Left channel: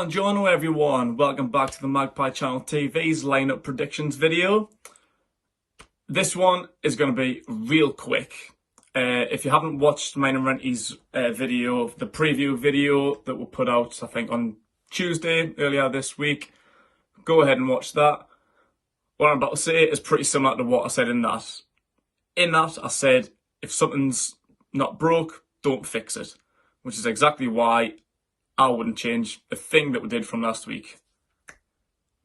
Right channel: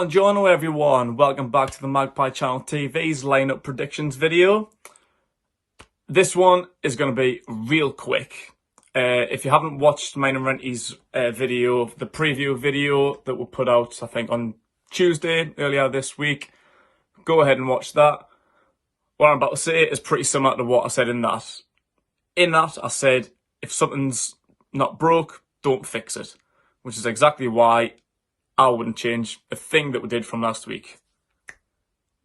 Buongiorno everyone, welcome back to the Magpie Channel TV's lineup predictions video. This one is going to be real quick. If you haven't watched mine and Renty's video, the preview video that we put out I think on Tuesday earlier this week, go ahead and watch that. What I'm about to say is pretty similar to what I said in that. In that I said if something's not broke, don't fix it, which is exactly why I wouldn't change a thing that we did from last week.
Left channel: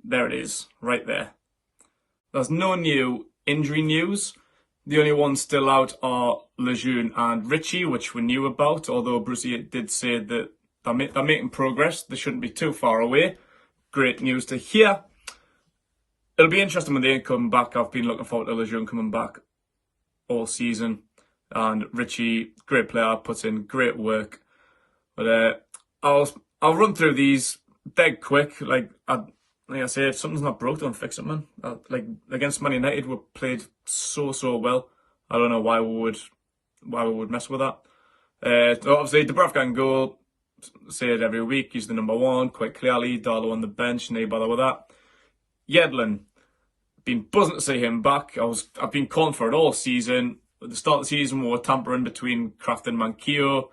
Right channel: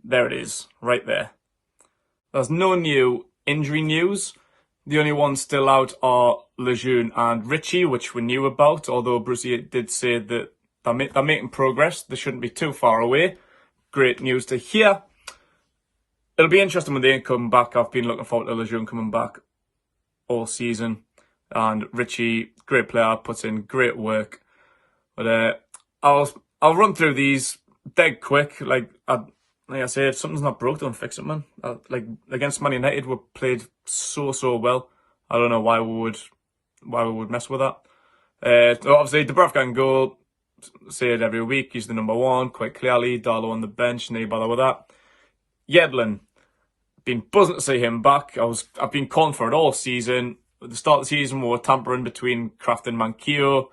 There it is, right there. There's no new injury news. The only ones still out are Lejeune and Richie, which we knew about, although Brucey did say that they're making progress. They shouldn't be too far away. Great news to hear. It'll be interesting when they come back. I've been looking forward to Lejeune coming back all season. And Richie, great player, puts in great work. But I'll run through these dead quick. Like I say, if something's not broke, don't fix it, man. Like against Man United, we played so well. I don't know why we would mess with that. So obviously, Dubravka and goal. Say it every week. He's the number one, quite clearly. Darlow on the bench, no bother with that. Yedlin, been buzzing to see him back. I've been calling for it all season. At the start of the season, we were tampering between Kraft and Manquillo,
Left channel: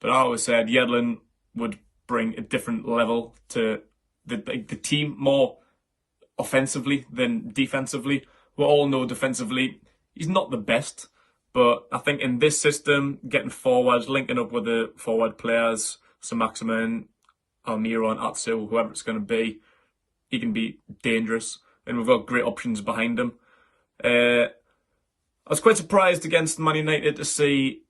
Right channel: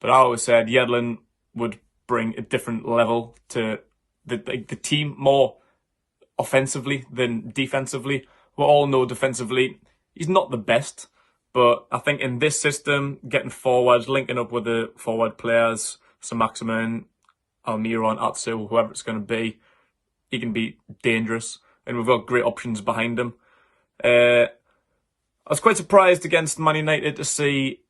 but I always said Yedlin would bring a different level to the team, more offensively than defensively. We all know defensively he's not the best, but I think in this system, getting forward, linking up with the forward players, Saint-Maximin, Almiron, Atsu, whoever it's going to be, he can be dangerous, and we've got great options behind him. I was quite surprised against Man United to see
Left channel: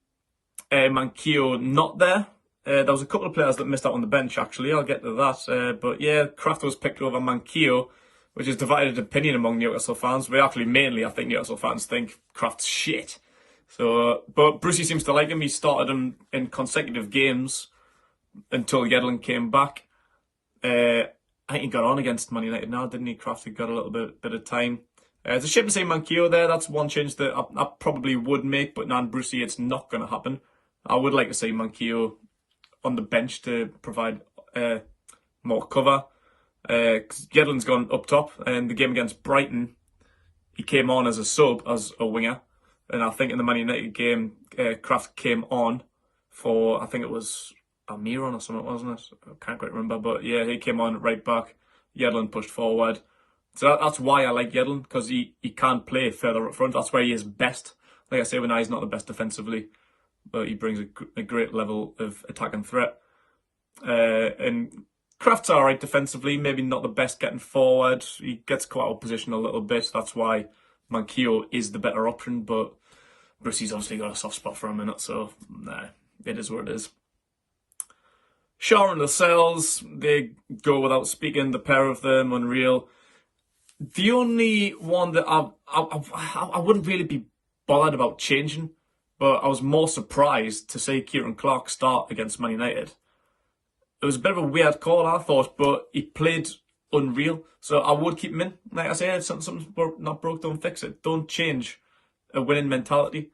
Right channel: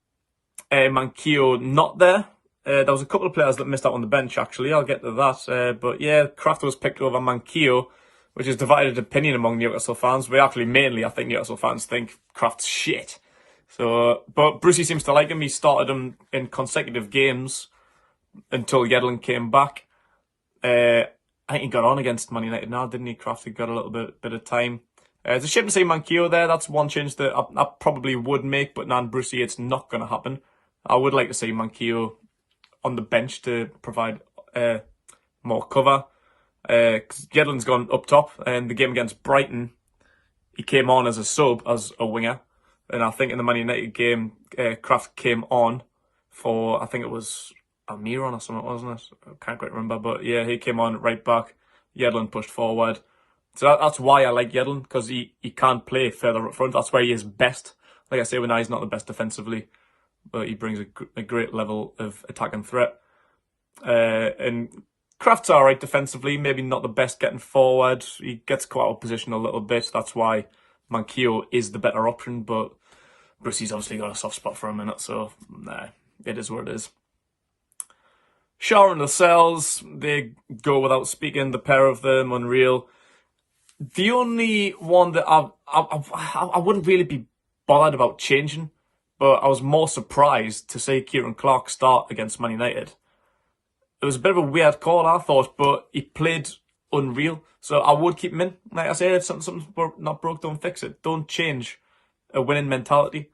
Manquillo not there. There was a couple of players that missed out on the bench, actually. I'll get to that. But yeah, Kraft was picked over Manquillo, which is divided opinion among Newcastle fans. But actually, mainly, I think Newcastle fans think Kraft's shit. So, but Brucey seems to like him. He started him in consecutive games until Yedlin came back. I think he got on against Man United now, didn't he? Kraft had got a little bit of time. It's a shame to see Manquillo there. That's one change that I probably would make, but Nan Brucey, it's not going to happen. I would like to see Manquillo on the bench to provide more cover. Yedlin's gone up top, and the game against Brighton, he came on as a sub, as a winger. And I think in the Man United game, Kraft came on for, I think it was Almiron or something, wasn't it? I can't quite remember, but yeah, he came on right back. Yedlin pushed forward. So that's why I like Yedlin, because he can play further up front. That's why he is best. Like I say, when he's not the best defensively, but he brings a great level of attacking threat. And Kraft's alright defensively, maybe not the best getting forward. He gets caught out of position a little bit. That's why Manquillo is the better option, but Brucey's obviously got a soft spot for a minute, so nah, it is what it is. Shaw and Lascelles, they go without speaking, the pair of them, unreal. The only one that I wouldn't really be bothered about changing, but I was more surprised to see Kieran Clark start against Man United. It was a bit of a weird call, I thought, but he played unreal, so I would keep him in. Like I said, if something's not broke, don't fix it. Don't change a winning mentality.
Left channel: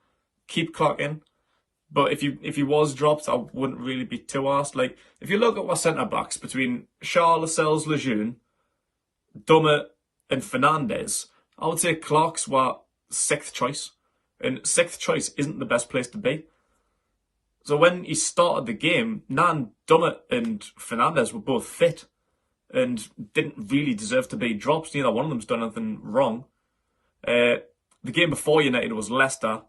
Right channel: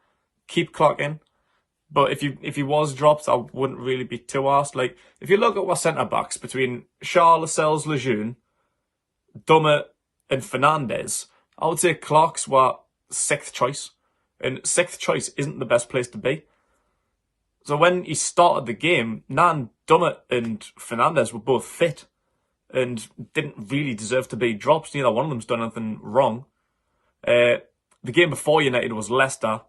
Keep Clark in. But if he was dropped, I wouldn't really be too arsed. Like, if you look at our centre-backs between Shaw, Lascelles, Lejeune, Dummett and Fernandez, I would say Clark's were sixth choice. And sixth choice isn't the best place to be. So when he started the game, Nan, Dummett and Fernandez were both fit and didn't really deserve to be dropped. Neither one of them's done anything wrong. The game before United was Leicester,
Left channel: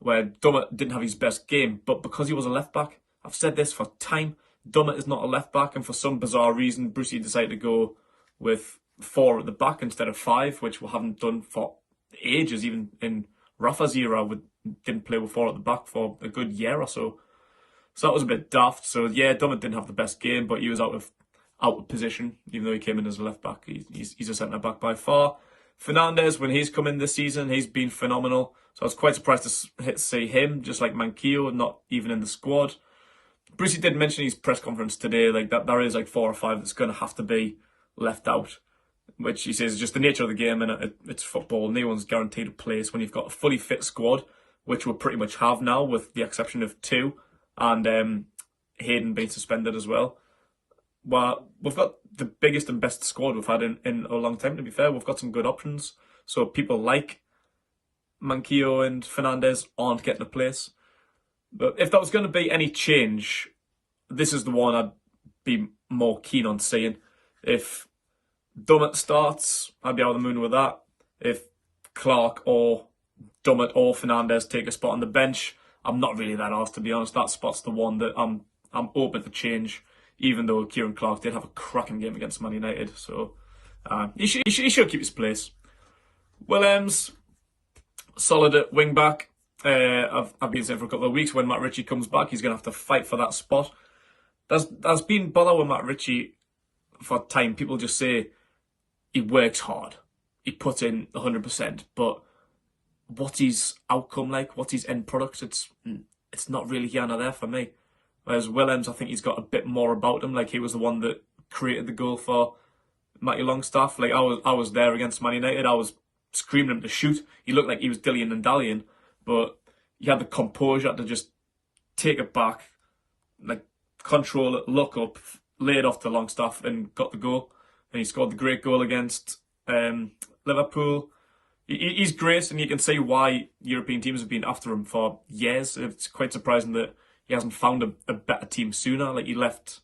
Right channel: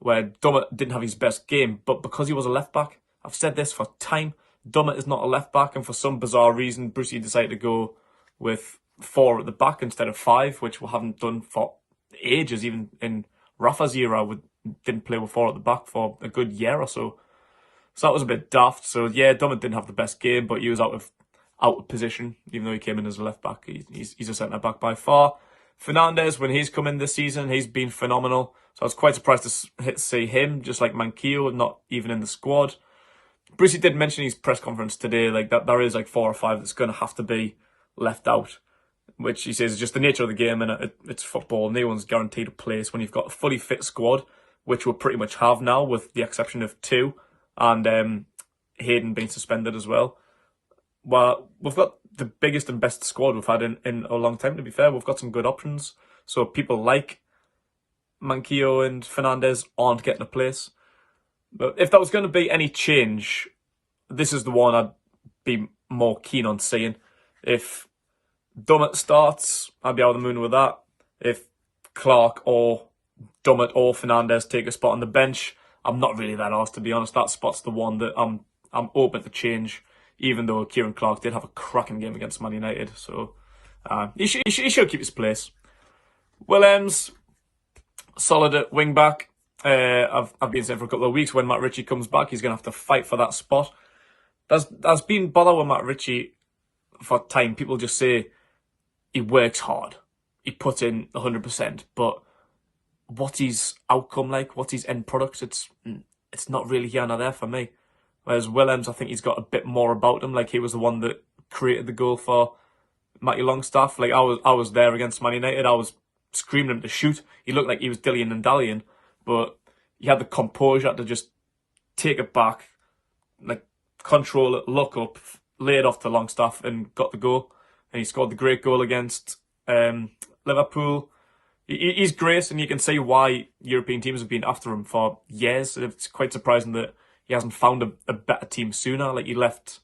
where Dummett didn't have his best game, but because he was a left-back, I've said this for time, Dummett is not a left-back, and for some bizarre reason, Brucey decided to go with 4 at the back instead of 5, which we haven't done for ages. Even in Rafa's era, we didn't play with 4 at the back for a good year or so. So that was a bit daft. So yeah, Dummett didn't have the best game, but he was out of position, even though he came in as a left-back. He's a centre-back by far. Fernandez, when he's come in this season, he's been phenomenal. So I was quite surprised to see him, just like Manquillo, not even in the squad. Brucey did mention in his press conference today, like that there is like 4 or 5 that's going to have to be left out, which he says is just the nature of the game, and it's football. No one's guaranteed a place when you've got a fully fit squad, which we pretty much have now, with the exception of 2, and Hayden being suspended as well. well, we've got the biggest and best squad we've had in a long time, to be fair. We've got some good options. So people like Manquillo and Fernandez aren't getting a place. But if there was going to be any change, this is the one I'd be more keen on seeing. If Dummett starts, I'd be out of the moon with that. If Clark or Dummett or Fernandez take a spot on the bench, I'm not really that arsed, to be honest. That spot's the one that I'm open to change, even though Kieran Clark did have a cracking game against Man United. So he should keep his place. Williams, solid at wing back. I've been saying for a couple of weeks, when Matt Ritchie comes back, he's going to have to fight for that spot. There's been bother with Matt Ritchie for time. People just say he works hard, he puts in 100%, but what's his outcome like? What's his end product? It's not really here nor there for me. Whereas Williams, I think he's got a bit more about him. Like, he was the one that created the goal for Matty Longstaff. Like, I was there against Man United. I was screaming him to shoot. He looked like he was dillying and dallying, but he had the composure to just take it back, like, control it, look up, lay it off to Longstaff, and got the goal. And he scored the great goal against Liverpool. He's great, and you can see why European teams have been after him for years. It's quite surprising that he hasn't found a better team sooner. Like, he left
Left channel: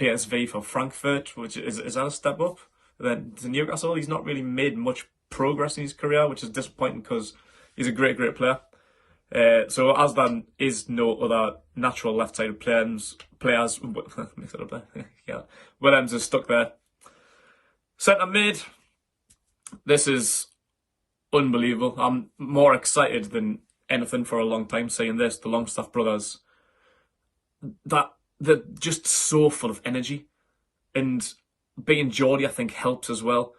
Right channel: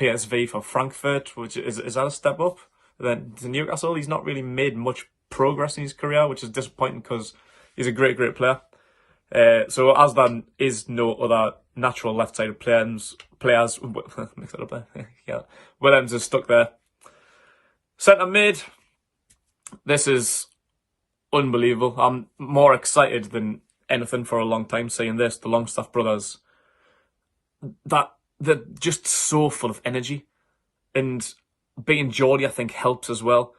PSV for Frankfurt, which is that a step up? Then to Newcastle, he's not really made much progress in his career, which is disappointing because he's a great player. So as there is no other natural left-sided players, mix it up there. Yeah, Williams is stuck there. Centre mid, this is unbelievable. I'm more excited than anything for a long time seeing this. The Longstaff brothers, that they're just so full of energy, and being Geordie, I think, helps as well.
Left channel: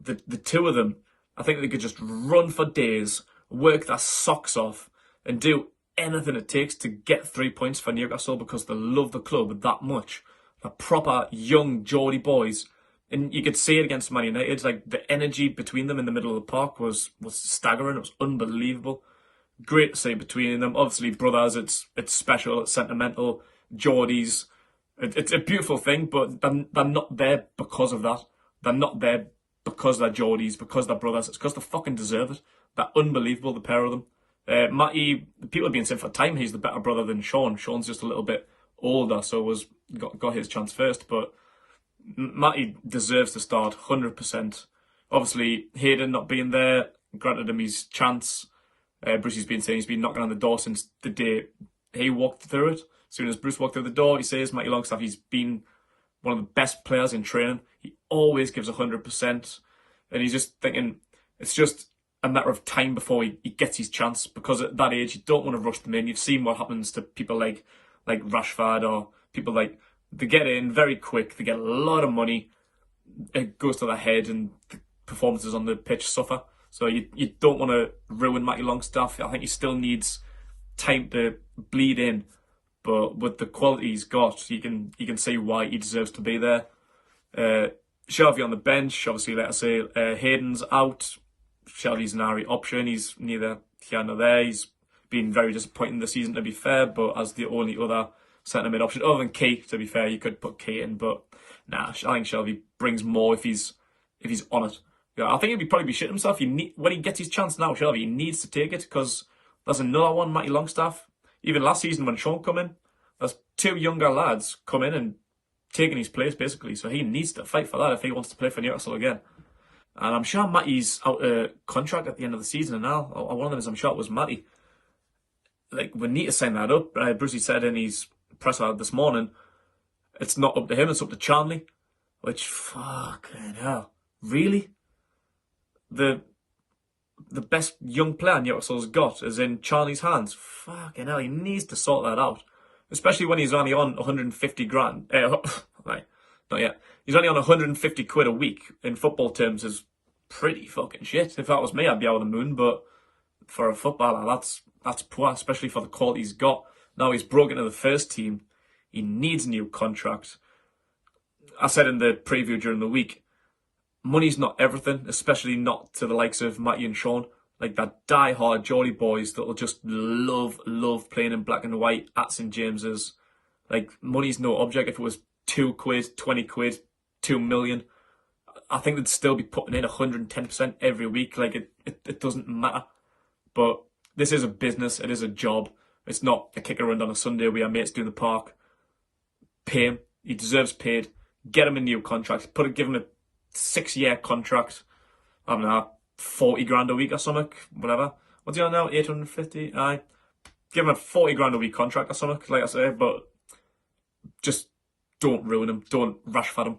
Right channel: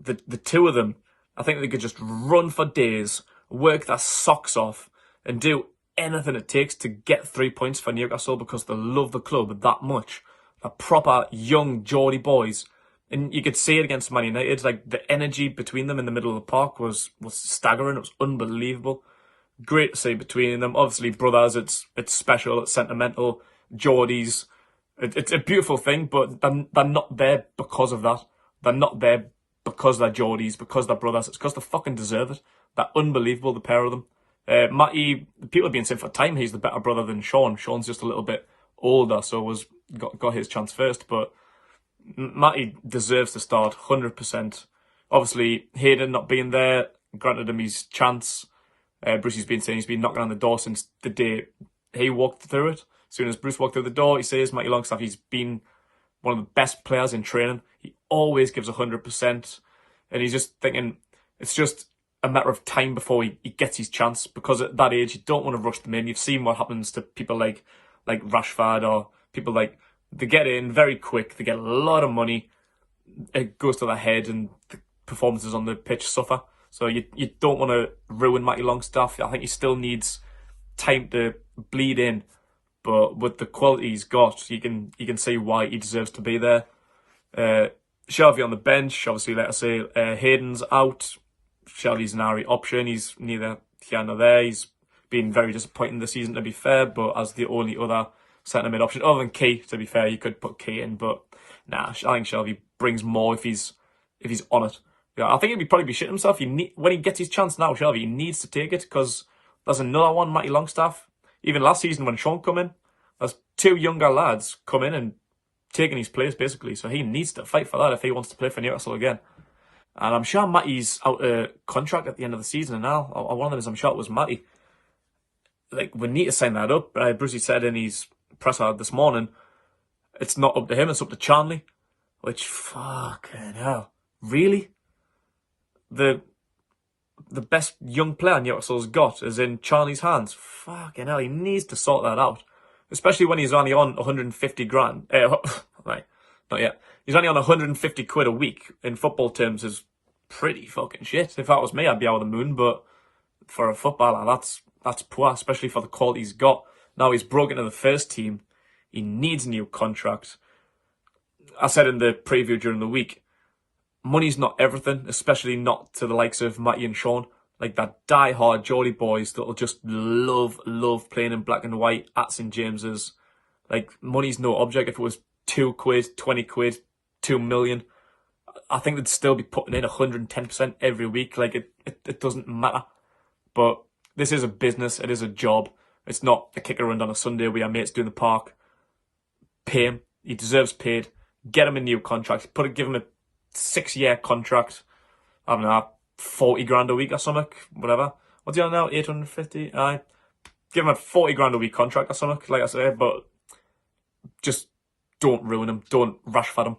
The two of them, I think they could just run for days, work their socks off, and do anything it takes to get 3 points for Newcastle because they love the club that much. They're proper young Geordie boys. And you could see it against Man United. Like, the energy between them in the middle of the park was staggering. It was unbelievable. Great to see between them. Obviously, brothers, it's special, it's sentimental. Geordies, it's a beautiful thing, but they're not there because of that. They're not there because they're Geordies, because they're brothers. It's because they fucking deserve it. They're unbelievable, the pair of them. Matty, people have been saying for time he's the better brother than Sean. Sean's just a little bit older, so got his chance first, but Matty deserves to start 100%. Obviously, Hayden not being there granted him his chance. Brucey's been saying he's been knocking on the door since the day he walked through it. As soon as Bruce walked through the door, he says, Matty Longstaff, he's been one of the best players in training. He always gives 100%. And he's just thinking it's just a matter of time before he gets his chance, because at that age, you don't want to rush them in. You've seen what happens to people like Rashford, or people like, they get in very quick, they get a lot of money, it goes to their head, and the performances on the pitch suffer. So you don't want to ruin Matty Longstaff. I think he still needs time to bleed in, but with the quality he's got, you can see why he deserves to be there. Shelvey on the bench, obviously, let's say Hayden's out. Shelvey's an RE option. He's neither here nor there. He's been very disappointing this season, to be fair, but as the only other centre mid option, other than Key, to be fair, you could put Key in, but nah, I think Shelvey brings more if he's on it. Yeah, I think he'd probably be shitting himself. When he gets his chance now, Shelvey, he needs to take it, because there's another one, Matty Longstaff. Even last season when Sean come in, there's two younger lads come in and taking his place, basically. So he needs to fight for that if he wants to play for Newcastle again. And I'm sure Matty's out of contract at the end of the season now. One of them is, I'm sure it was Matty. Like, we need to sign that up. Brucey said in his presser this morning, it's not up to him, it's up to Charnley. Which, fucking hell. Really? The best young player Newcastle's got is in Charnley's hands. Fucking hell, he needs to sort that out. Especially when he's only on 150 grand. Right, not yet. He's only on 150 quid a week. In football terms, is pretty fucking shit. If that was me, I'd be out of the moon. But for a footballer, that's poor, especially for the quality he's got. Now he's broken into the first team. He needs a new contract. I said in the preview during the week, money's not everything, especially not to the likes of Matty and Sean. Like, that die-hard Geordie boys that'll just love playing in black and white at St James's. Like, money's no object. If it was £2, 20, £2 million, I think they'd still be putting in 110% every week. Like, it doesn't matter. But this is a business. It is a job. It's not a kick around on a Sunday where your mates do in the park. Pay him. He deserves paid. Get him a new contract. Give him a 6-year contract. I don't know, 40 grand a week or something. Whatever. What's he on now? 850? Aye. Give him a 40 grand a week contract or something, like I say. But just don't ruin him. Don't Rashford him.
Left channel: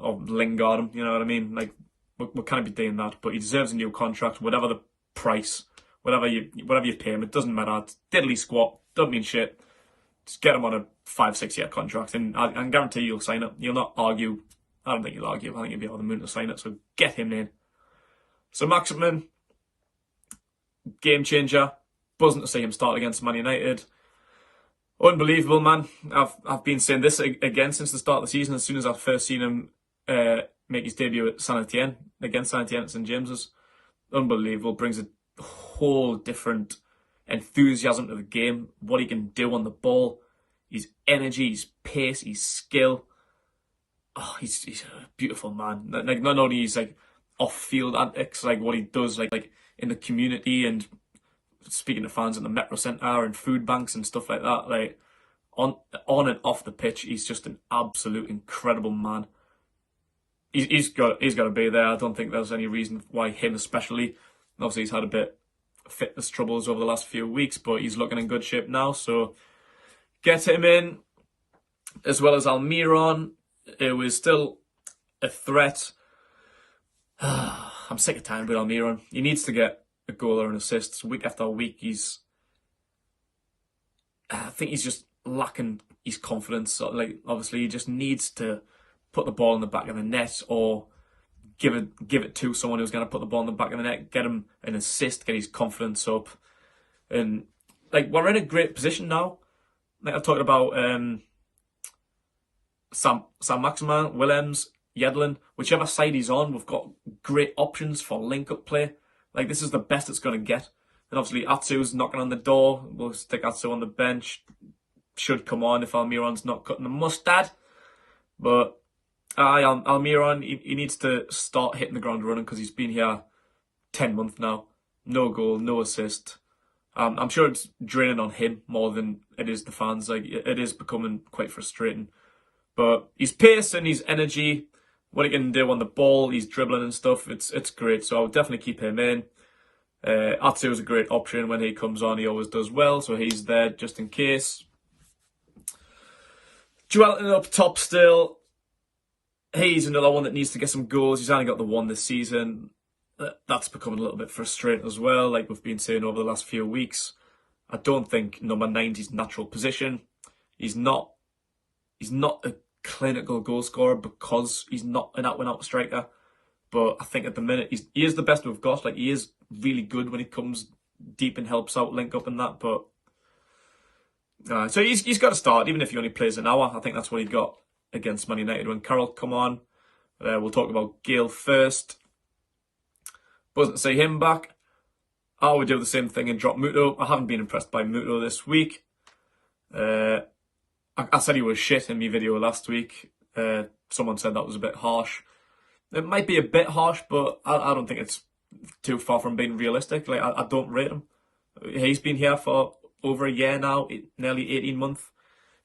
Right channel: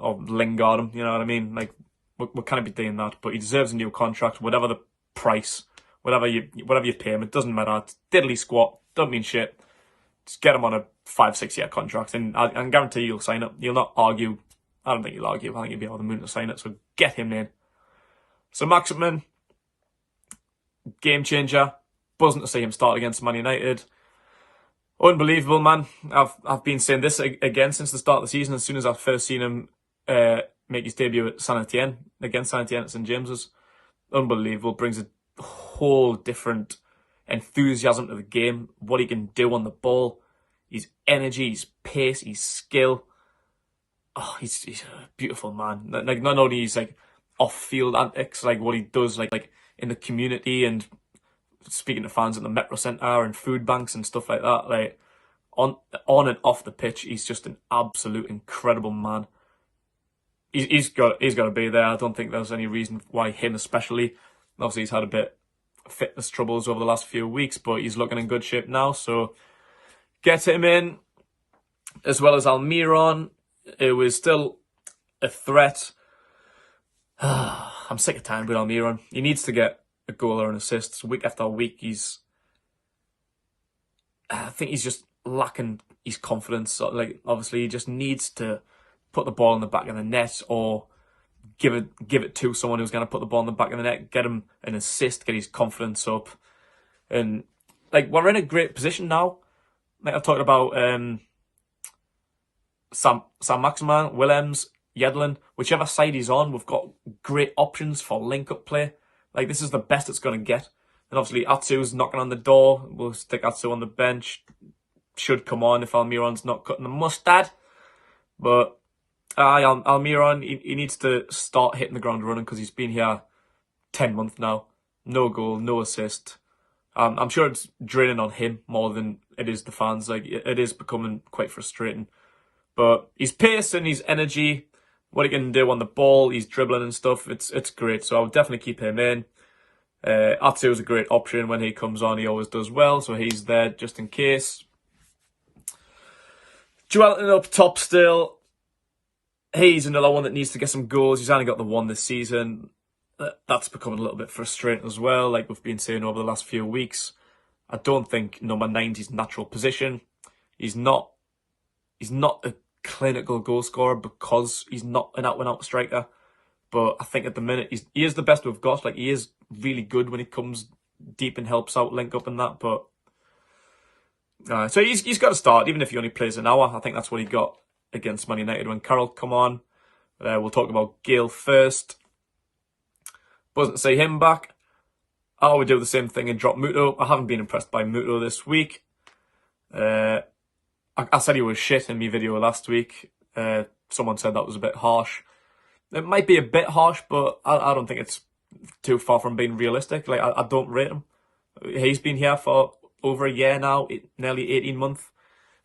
Or Lingard him. You know what I mean? Like, we can't be doing that. But he deserves a new contract. Whatever the price. Whatever you pay him. It doesn't matter. It's diddly squat. Doesn't mean shit. Just get him on a 5-6 year contract, and I can guarantee you'll sign it. You'll not argue. I don't think you'll argue. I think you'll be able to moon to sign it. So get him in. So Maximin, game changer. Buzzing to see him start against Man United. Unbelievable, man. I've been saying this again since the start of the season. As soon as I've first seen him make his debut at Saint Etienne, against Saint Etienne at St James's. Unbelievable. Brings a whole different enthusiasm to the game, what he can do on the ball, his energy, his pace, his skill. Oh, he's a beautiful man. Like, not only he's like off-field antics, like what he does like in the community and speaking to fans at the Metro Centre and food banks and stuff like that. Like on and off the pitch, he's just an absolute incredible man. He's got to be there. I don't think there's any reason why him especially. Obviously, he's had a bit fitness troubles over the last few weeks, but he's looking in good shape now, so get him in. As well as Almiron, it was still a threat. I'm sick of time with Almiron. He needs to get a goal or an assist week after week. I think he's just lacking his confidence. So, like, obviously he just needs to put the ball in the back of the net, or give it to someone who's going to put the ball in the back of the net, get him an assist, get his confidence up. And like, we're in a great position now. Like, I've talked about Sam Maximin, Willems, Yedlin, whichever side he's on, we've got great options for link-up play. Like, this is the best it's going to get. And obviously, Atsu's knocking on the door. We'll stick Atsu on the bench. Should come on if Almiron's not cutting the mustard. But Almiron, he needs to start hitting the ground running, because he's been here 10 months now. No goal, no assist. I'm sure it's draining on him more than it is the fans. Like, it is becoming quite frustrating. But his pace and his energy, what he can do on the ball, he's dribbling and stuff, it's great. So I would definitely keep him in. Atsu is a great option. When he comes on, he always does well, so he's there just in case. Joelinton up top still. He's another one that needs to get some goals. He's only got the one this season. That's becoming a little bit frustrating as well, like we've been saying over the last few weeks. I don't think number 9's his natural position. He's not a clinical goal scorer because he's not an out-and-out striker. But I think at the minute, he is the best we've got. Like, he is really good when he comes deep and helps out, link up and that. But so he's got to start, even if he only plays an hour. I think that's what he got against Man United when Carroll come on. We'll talk about Gale first. Wasn't to see him back. I would do the same thing and drop Muto. I haven't been impressed by Muto this week. I said he was shit in my video last week. Someone said that was a bit harsh. It might be a bit harsh, but I don't think it's too far from being realistic. Like, I don't rate him. He's been here for over a year now, nearly 18 months.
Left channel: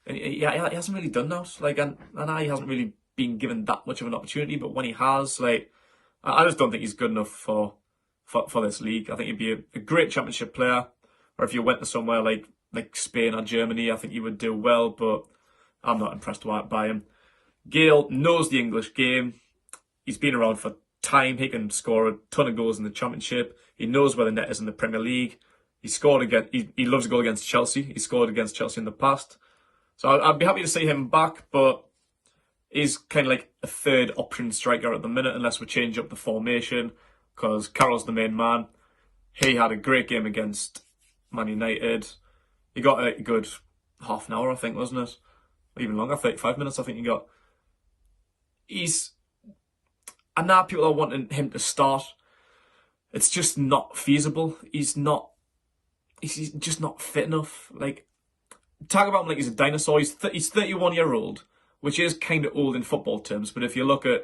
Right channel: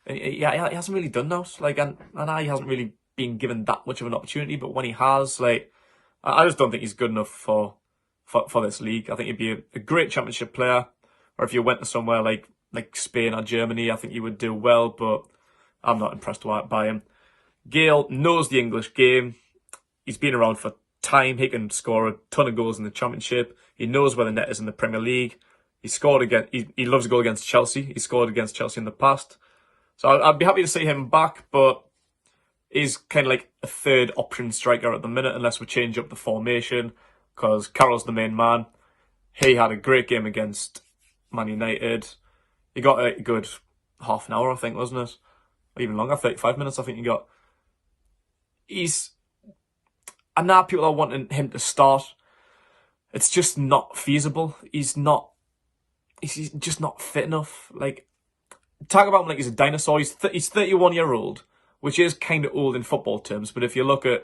And he hasn't really done that. Like, and he hasn't really been given that much of an opportunity. But when he has, like, I just don't think he's good enough for this league. I think he'd be a great championship player. Or if you went to somewhere like Spain or Germany, I think you would do well. But I'm not impressed by him. Gale knows the English game. He's been around for time. He can score a ton of goals in the Championship. He knows where the net is in the Premier League. He loves to go against Chelsea. He scored against Chelsea in the past. So I'd be happy to see him back, but he's kind of like a third option striker at the minute, unless we change up the formation, because Carroll's the main man. He had a great game against Man United. He got a good half an hour, I think, wasn't it? Or even longer, 35 minutes, I think he got. And now people are wanting him to start. It's just not feasible. He's just not fit enough. Like, talk about him like he's a dinosaur. He's 31 years old. which is kind of old in football terms. But if you look at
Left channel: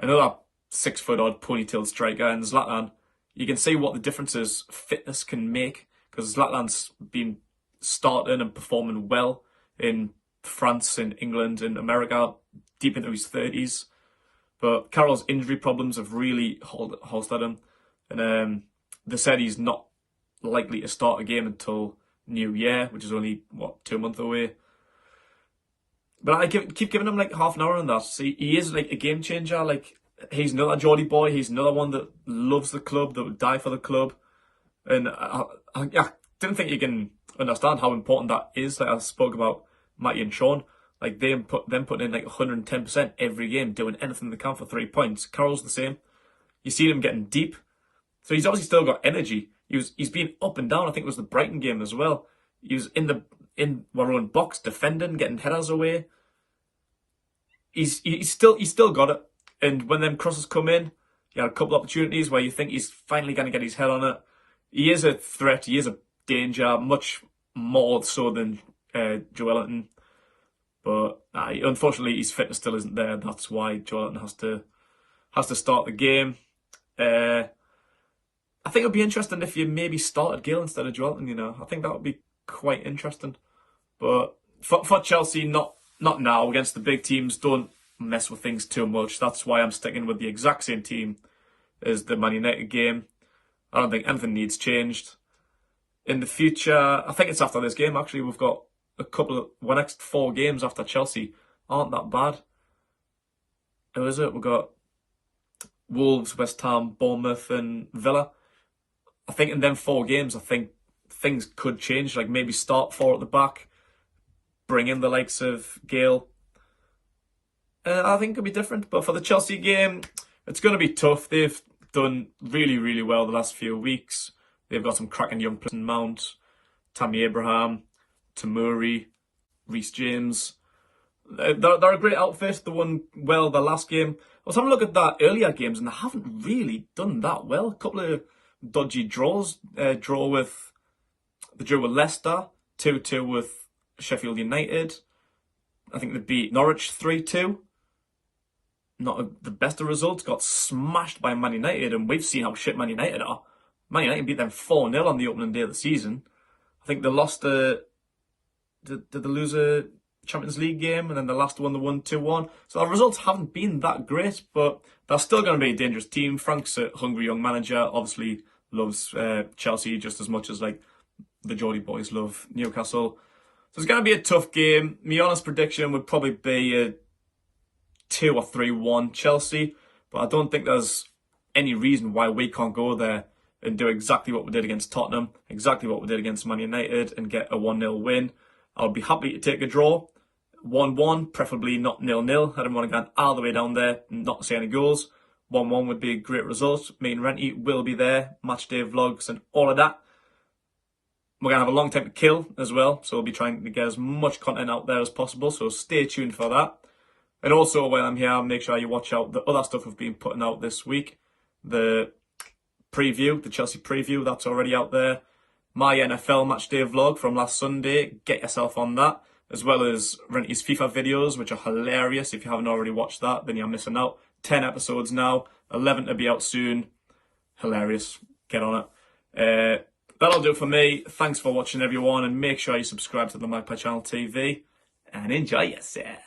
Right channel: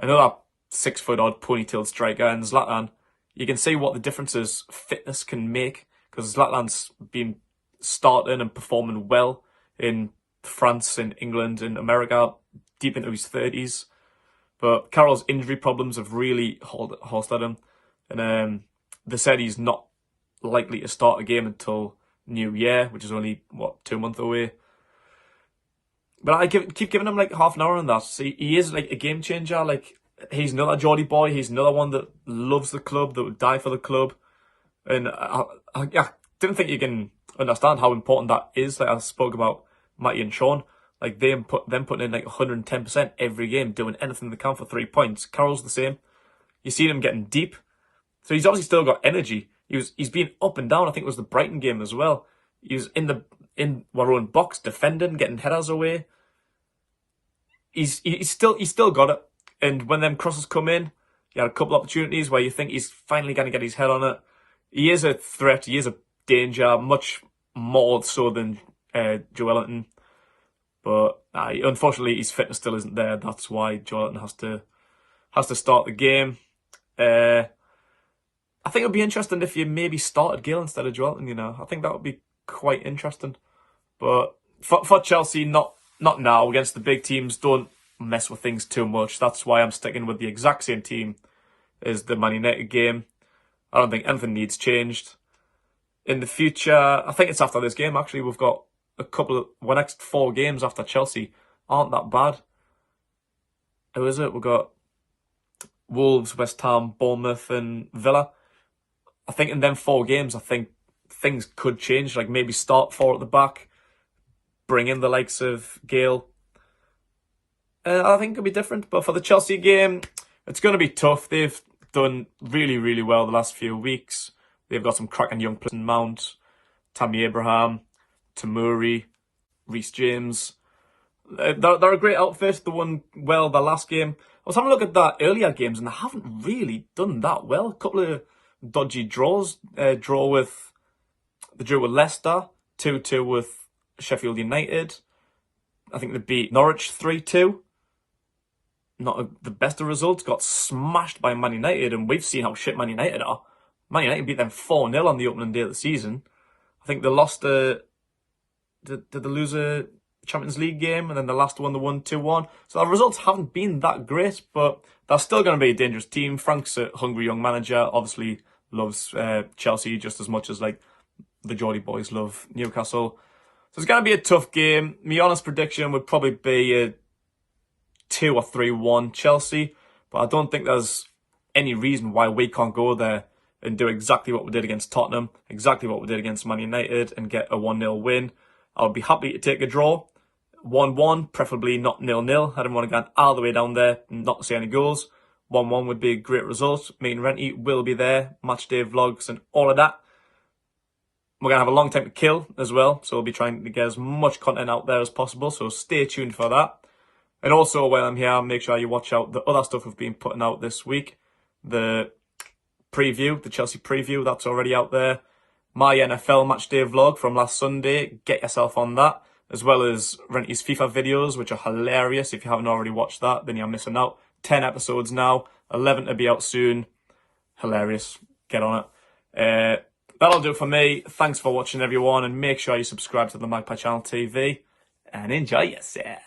another 6-foot-odd ponytailed striker in Zlatan, you can see what the differences fitness can make, because Zlatan's been starting and performing well in France and England and America deep into his 30s. But Carroll's injury problems have really halted him. And they said he's not likely to start a game until New Year, which is only, 2 months away. But I keep giving him like half an hour on that. See, he is like a game changer. Like, he's another Geordie boy. He's another one that loves the club, that would die for the club. And I didn't think you can understand how important that is. Like I spoke about Matty and Sean. Like them putting in like 110% every game, doing anything they can for 3 points. Carroll's the same. You see him getting deep. So he's obviously still got energy. He's been up and down. I think it was the Brighton game as well. He was in our own box, defending, getting headers away. He's still got it. And when them crosses come in, he had a couple of opportunities where you think he's finally going to get his head on it. He is a threat. He is a danger, much more so than Joelinton. But unfortunately, his fitness still isn't there. That's why Joelinton has to start the game. I think it would be interesting if you maybe started Gale instead of Joelinton, you know. I think that would be quite interesting. But for Chelsea, not now. Against the big teams, don't mess with things too much. That's why I'm sticking with the exact same team as the Man United game. I don't think anything needs changed. In the future, I think it's after this game, actually. We've got our next 4 games after Chelsea aren't that bad. Who is it? We've got Wolves, West Ham, Bournemouth and Villa. I think in them 4 games, I think things could change. Like maybe start 4 at the back, bring in the likes of Gale. I think it'll be different. But for the Chelsea game, it's going to be tough. They've done really, really well the last few weeks. They've got some cracking young players in Mount, Tammy Abraham, Tamuri, Reece James. They're a great outfit. They won well the last game. I was having a look at that earlier games and they haven't really done that well. A couple of dodgy draws. They drew with Leicester, 2-2 with Sheffield United. I think they beat Norwich 3-2. Not the best of results. Got smashed by Man United, and we've seen how shit Man United are. Man United beat them 4-0 on the opening day of the season. I think they lost did they lose a Champions League game, and then the last one they won 2-1. So the results haven't been that great, but they're still going to be a dangerous team. Frank's a hungry young manager, obviously loves Chelsea just as much as like the Geordie boys love Newcastle. So it's going to be a tough game. My honest prediction would probably be a 2 or 3-1 Chelsea, but I don't think there's any reason why we can't go there and do exactly what we did against Tottenham, exactly what we did against Man United, and get a 1-0 win. I would be happy to take a draw. 1-1, preferably not 0-0. I don't want to get all the way down there and not see any goals. 1-1 would be a great result. Me and Renty will be there, matchday vlogs and all of that. We're going to have a long time to kill as well, so we'll be trying to get as much content out there as possible, so stay tuned for that. And also, while I'm here, make sure you watch out the other stuff we've been putting out this week. The preview, the Chelsea preview, that's already out there. My NFL matchday vlog from last Sunday, get yourself on that. As well as Renty's FIFA videos, which are hilarious. If you haven't already watched that, then you're missing out. 10 episodes now, 11 to be out soon. Hilarious. Get on it. That'll do it for me. Thanks for watching, everyone, and make sure you subscribe to the Magpie Channel TV and enjoy yourself.